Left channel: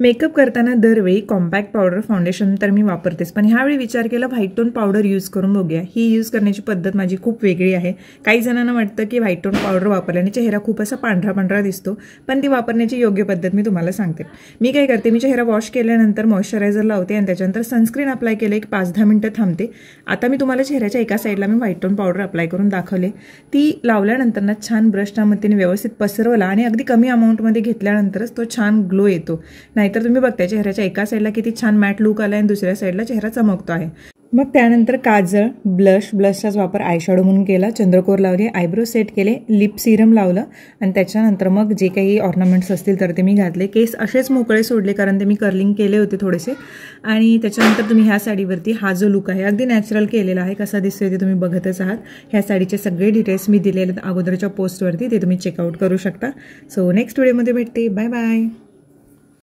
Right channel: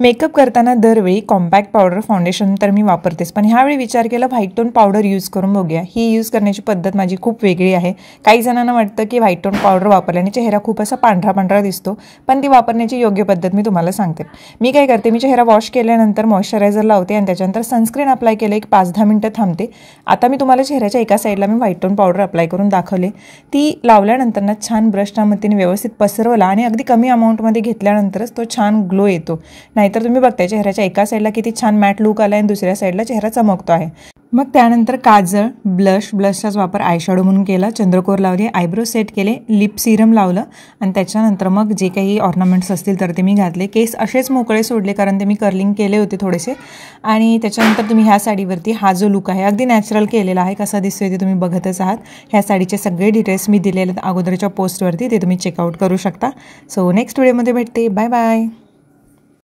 Makeup करताना दरवेळी compact powder foundation तर मी वापरतेच, पण ह्यावेळी विचार केला व्हाईट टोन पावडर यूज करून बघूया। ही यूज करण्याची पद्धत माझी खूप वेगळी आहे। काही जणांना वाटतं की व्हाईट टोन पावडर वापरल्याने चेहरा खूप असा पांढरा पांढरा दिसतो, पण ती वापरण्याची योग्य पद्धत मी तुम्हाला सांगते। मी काय करते, मी चेहरा वॉश केल्यानंतर मॉइश्चरायझर लावते आणि त्याच्यानंतर सनस्क्रीन अप्लाय केलं, एक 5-10 मिनिटं थांबते। आता मी तुम्हाला चेहऱ्याच्या एका साईडला मी व्हाईट टोन पावडर अप्लाय करून दाखवले। ती लावल्यानंतर ना छान ब्रशच्या मदतीने व्यवस्थित पसरवला आणि अगदी कमी अमाऊंटमध्ये घेतल्यानंतरच तो छान ग्लो येतो। नाहीतर तुम्ही बघताय चेहऱ्याच्या एका साईडला किती छान मॅट लुक आला आणि दुसऱ्या साईडला चेहरा चमकतो आहे। मग त्यानंतर काजळ, ब्लशचाच वापर आयशॅडो म्हणून केला, चंद्रकोर लावली, आयब्रो सेट केले, लिप सिरम लावलं आणि त्याच्यानंतर मग जे काही ऑर्नामेंट्स असतील तर ते मी घातले। केस असेच मोकळे सोडले कारण ते मी कर्लिंग केले होते थोडेसे। आणि त्याच्यानंतर तुम्ही ह्या साडीवरती हा जो लुक आहे अगदी नॅचरल केलेला आहे, कसा दिसतोय ते तुम्ही बघतच आहात। ह्या साडीचे सगळे डिटेल्स मी दिलेले आहेत अगोदरच्या पोस्टवरती, ते तुम्ही चेकआउट करू शकता। सो नेक्स्ट व्हिडिओमध्ये भेटते, बाय बाय।